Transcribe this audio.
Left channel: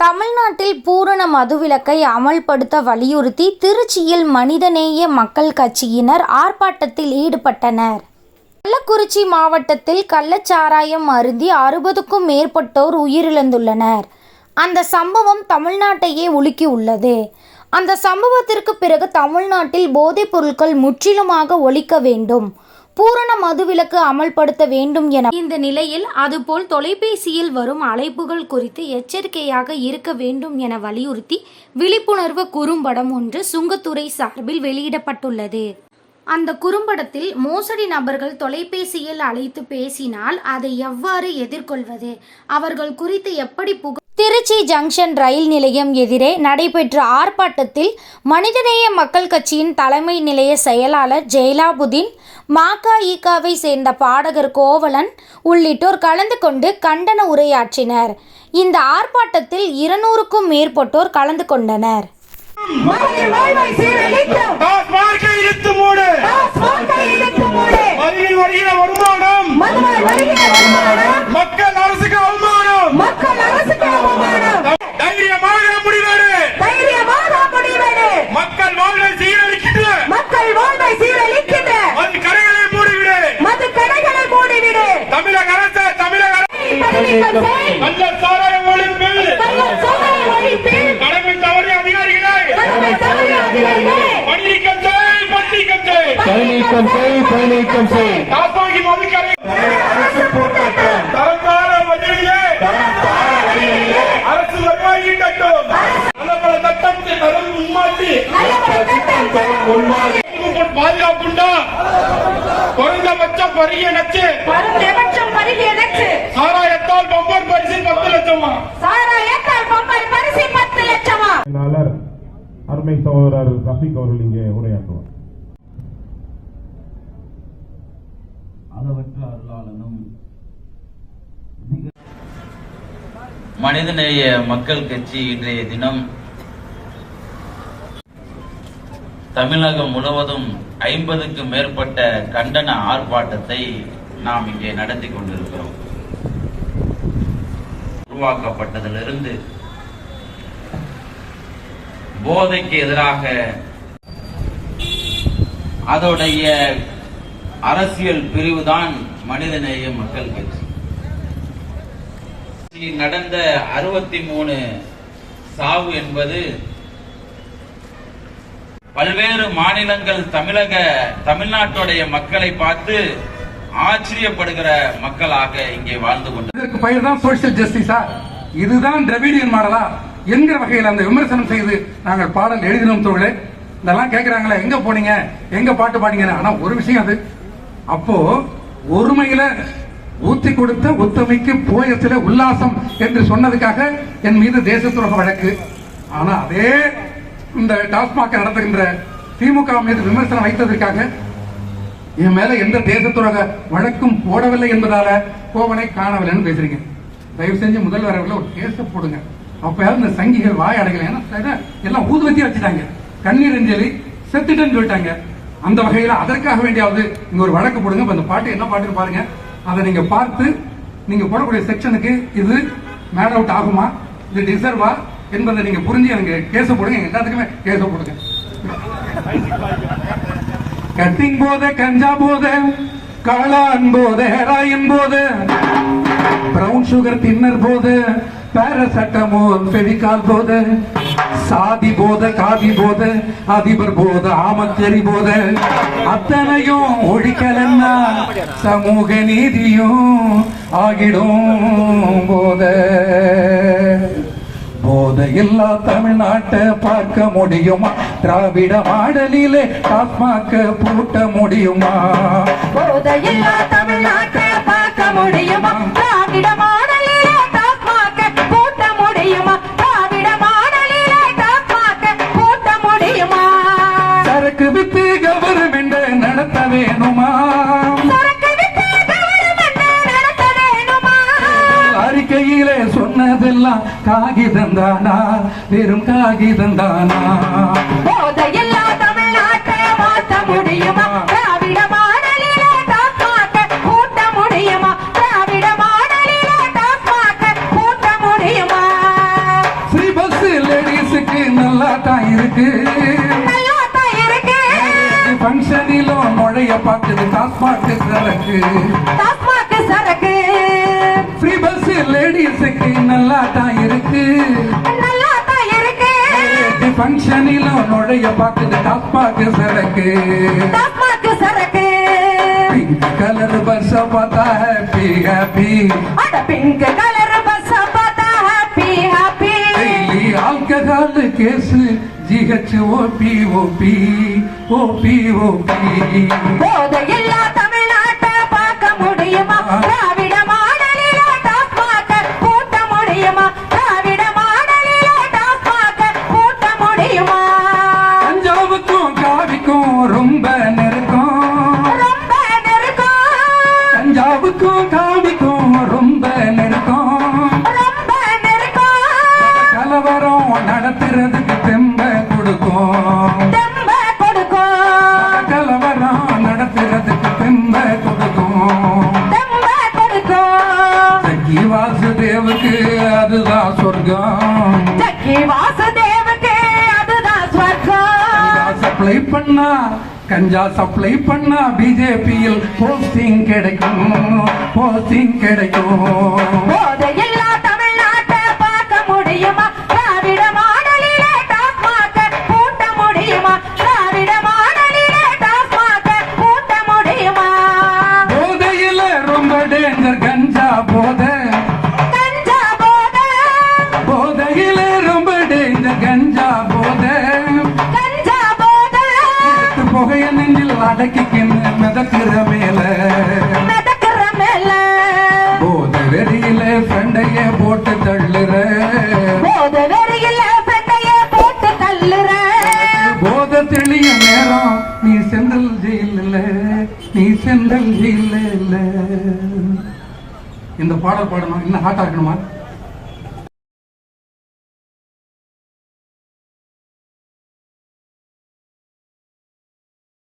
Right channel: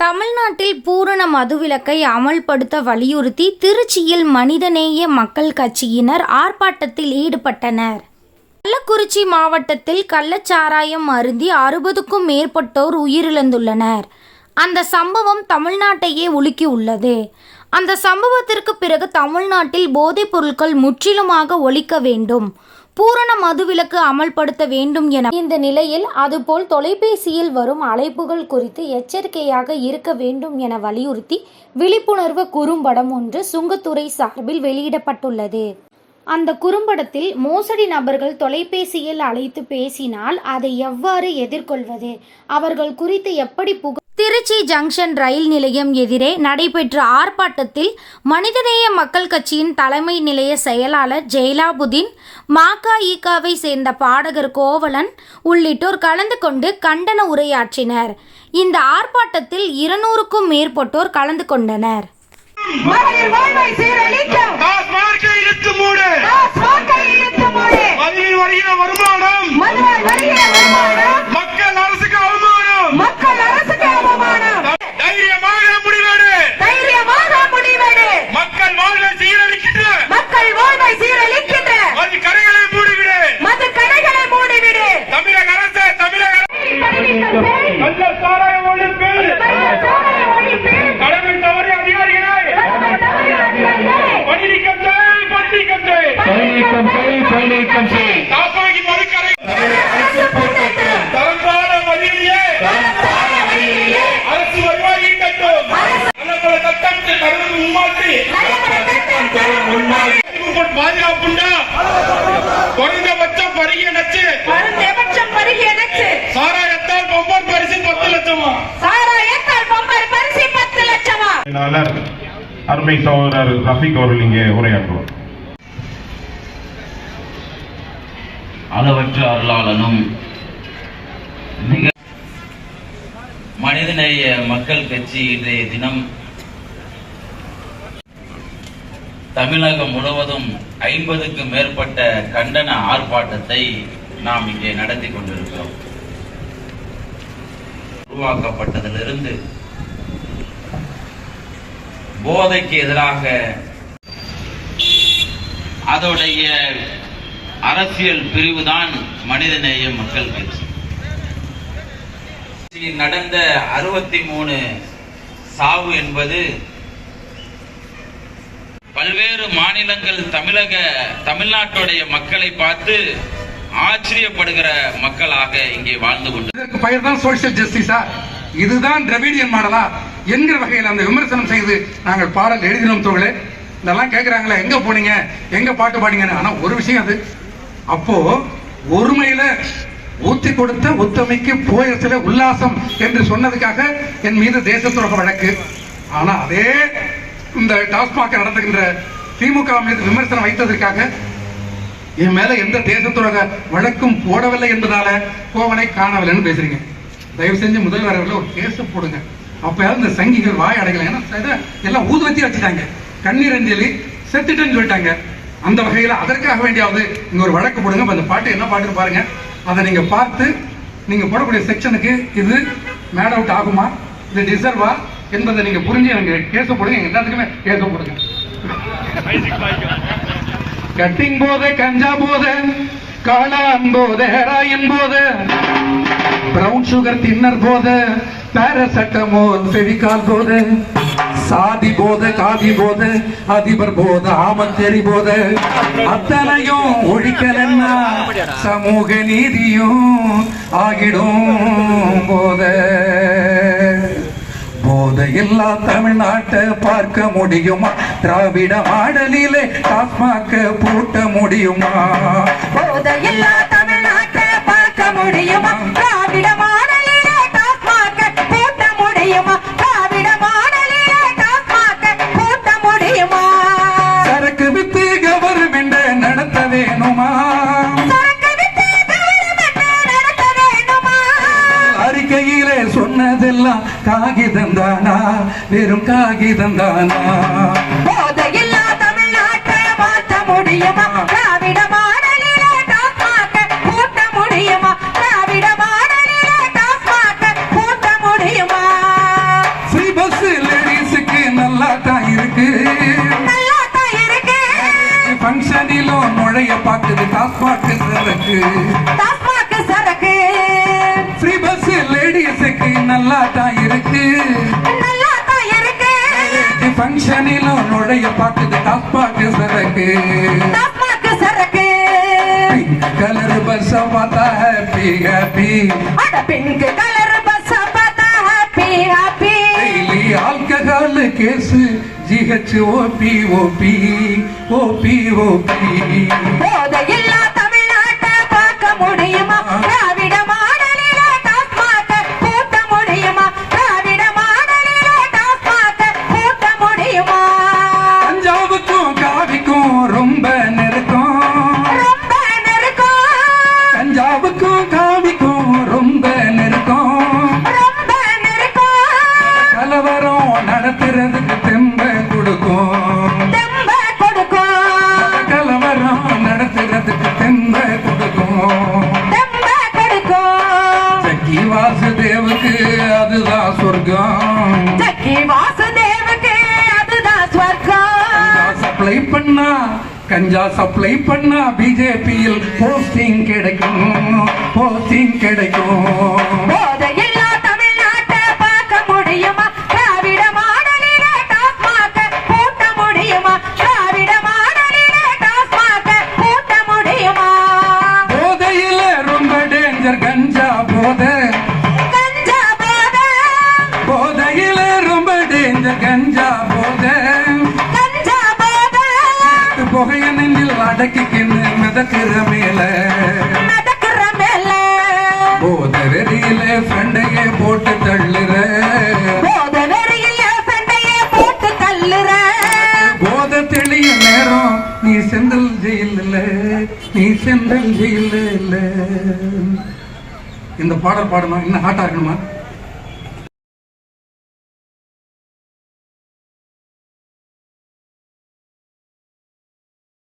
தமிழ்நாட்டில் பூரண மதுவிலக்கை அமல்படுத்த வலியுறுத்தி திருச்சியில் மனிதநேய மக்கள் கட்சியினர் ஆர்ப்பாட்டத்தில் ஈடுபட்டனர். கள்ளக்குறிச்சி மாவட்டத்தில் கள்ளச்சாராயம் அருந்தி அறுபதுக்கும் மேற்பட்டோர் உயிரிழந்துள்ளனர். அந்த சம்பவம் தமிழ்நாட்டையே உலுக்கியுள்ளது. அந்த சம்பவத்திற்கு பிறகு தமிழ்நாட்டில் போதைப் பொருட்கள் முற்றிலுமாக ஒழிக்க வேண்டும். பூரண மதுவிலக்கு அமல்படுத்த வேண்டும் என இந்த நிலையில் அதுபோல் தொலைபேசியில் வரும் அழைப்புகள் குறித்து எச்சரிக்கையாக இருக்க வேண்டும் என வலியுறுத்தி விழிப்புணர்வு குறும்படம் ஒன்று சுங்கத்துறை சார்பில் வெளியிடப்பட்டுள்ளது. அந்த குறும்படத்தில் மோசடி நபர்கள் தொலைபேசியில் அழைத்து பேசினால் அதை எவ்வாறு எதிர்கொள்வது? அவர்கள் குறித்து எப்படி புக திருச்சி ஜங்ஷன் ரயில் நிலையம் எதிரே நடைபெற்ற ஆர்ப்பாட்டத்தில் மனிதநேய மக்கள் கட்சியின் தலைமை நிலைய செயலாளர் ஜெயலாபுதீன் மகஇகாவை சேர்ந்த பாடகர் கோவலன் உள்ளிட்டோர் கலந்து கொண்டு கண்டன உரையாற்றினர். இந்த ஆர்ப்பாட்டத்தில் இருநூறுக்கும் மேற்பட்டோர் கலந்து கொண்டனர். மகளிர் தைரியமாக முடிவாடு. தைரியமாக முடிவெடு. மக்கள் வாழ்வை சீரழிக்கின்ற. மக்கள் வாழ்வை சீரழிக்கின்ற. மது கடைகளை மூடிவிடு. மது கடைகளை மூடிவிடு. தமிழக அரசு தமிழக அரசு. சட்டத்தை கடந்து உமாற்றி பாதுகாப்புண்டா? குறைந்தபட்சம் பருகிய நச்சு குறைந்தபட்சம் பருகிய நச்சு சாராயத்தால் பம்பர் பரிசு பத்து லட்சமா? சாராயத்தால் பொங்கல் பரிசு பத்து லட்சமா? செயலாளர் அருமை சகோதரர் ரஃபீக் அவர்கள் இங்கே உரையாற்றுவார். அளவற்ற அருளாளனும் மிக மனிதநேய மக்கள் கட்சி இன்றைய தினம் தமிழகம் முழுவதும் ஐம்பதுக்கு மேற்பட்ட கண்டன ஆர்ப்பாட்டத்தை நாம் இங்கே நடத்தி கொண்டிருக்கிறோம். உருவாக்கப்பட்டதிலிருந்து போதைக்கு எதிராக அதோடைய அரசியல் பிரிவுதான் மனிதநேய மக்கள் கட்சி. நடந்த அறுபத்தி மூணு சாவு என்பது பல்வேறு மாநிலங்கள் தமிழக தமிழ்நாட்டுடைய மக்களை பார்த்து ஆச்சரியப்படுகிற மக்களாக இங்கே வாழ்ந்து கொண்டு இதற்கு பெயர் தான் சோசியல் ஜஸ்டிஸா இதுதான் திரவிடியன் மாடலா? என்கிற வகையில் அந்த விமர்சனம் செய்து நாங்கள் பாடல் எழுதினோம் தோழே இதெல்லாம் கேட்குறாங்களே எங்க போனீங்க? எங்க பாட்டு பாடிங்கன்னு? ஆனா ஒரு விஷயம் அது. அப்போ ஒருமையில ஊத்தி கொடுத்த ஒத்துமைக்கு போயத்துல உல்லாசம் என்று சொன்னதுக்காக என் மீது தேசத்துறக வழக்கு. ஆனா அதே இந்த டாஸ்மாக நடத்துகின்ற திமுக மீது விமர்சனம் வைத்ததற்காக என் மேல எந்த தேசத்துறக வழக்கும் போடவில்லை என்பதால கோவனை காணவில்லைன்னு பேசுறீங்க. தயவு செஞ்சு முதல்வர் அவர்கள் ஒரு கேஸ் போடுங்க. அப்பயாவது இந்த சங்கிகள் வாய் அடையலாம் ஏன்னா எல்லாம் ஊதுவத்தி வச்சுட்டாங்க. கண்ணீர் அஞ்சலி செத்துட்டேன்னு சொல்லிட்டாங்க. அந்த வகையில அதற்காக வேண்டியாவது இங்க ஒரு வழக்கு போடுங்க. அந்த பாட்டு என்ன பாட்டுன்னு பாருங்க. அதை நீங்க பார்த்து நீங்க போடக்கூடிய செக்ஷனுக்கு இது மேட் அவுட் ஆகுமா? இது டிசர்வா என்பதை நீங்க புரிஞ்சு எனக்கு கேச போடுங்க. எங்க எல்லாத்துக்குமே கேச போடுங்க. கட்டிங் போத கஞ்சா போத காளான் போத ஹெராயின் போத பிரவுன் சுகர் தின்னர் போத பாரசட்டமோல் பெவிகால் போத சாதி போத காதி போத அதிபர் போத ஆமத்தெறி போத. அத்தனையும் ஒழிக்கலன்னா சமூக நீதியும் ஆகிடும் போத. போதையில்லா தமிழ்நாட்டை பார்க்க முடியுமா? திராவிட ஆடலிலே டாஸ்மாக பூட்ட முடியுமா? போதையில்லா தமிழ்நாட்டை பார்க்க முடியுமா? திராவிட மாடலிலே டாஸ்மாக போட்ட முடியுமா? திராவிட மாடலிலே டாஸ்மாக போட்ட முடியுமா? சரக்கு வித்து கவர்மெண்ட் நடத்த வேணுமா? கீழே சொன்னதெல்லாம் காகிதம் தானா? வெறும் காகிதம் தானா? போதையில்லா தமிழ்நாட்டை மாற்ற முடியுமா? நல்லாத்தான் இருக்கு. ஃபங்க்ஷனிலும் நுழைய பார்க்குது டாஸ்மாக் சரக்கு லேடிஸுக்கு நல்லா தான் இருக்கு. ஃபங்க்ஷனிலும் நுழைய பார்க்குது டாஸ்மாக் சரக்கு. டாஸ்மாக் சரக்கு. பிங்க் கலர் பஸ் பார்த்தா ஹாப்பி ஹாப்பி அட பிங்க் கலர் பஸ் பார்த்தா happy happy daily alcohol case GH OP OP OP OP போதையில்லா Sakki வாசுதேவுக்கு அதுதான் சொர்க்கம். ஜக்கி வாசுதேவுக்கு அதுதான் ஸ்வர்க்கம் சப்ளை பண்ணா கஞ்சா சப்ளை பண்ணா பிஜேபியில் போஸ்டிங் கிடைக்கும் போஸ்டிங் கிடைக்கும். போதையில ரொம்ப டேஞ்சர் கஞ்சா போதை அடக்கிக்கின்னு மிதக்கிற மேல. நடக்கிற மேல. போதை வெறியில ஃப்ரெண்டைய போட்டு தள்ளுற. போதை வெறியில பெண்டைய போட்டு தள்ளுற. போதை தெளிய நேரம் நீ செந்தல் ஜெயில் நீ செந்தல் ஜெயில் இந்த பாடல் பாடணும். இன்னும் ஹாட்டா இருக்கணுமா?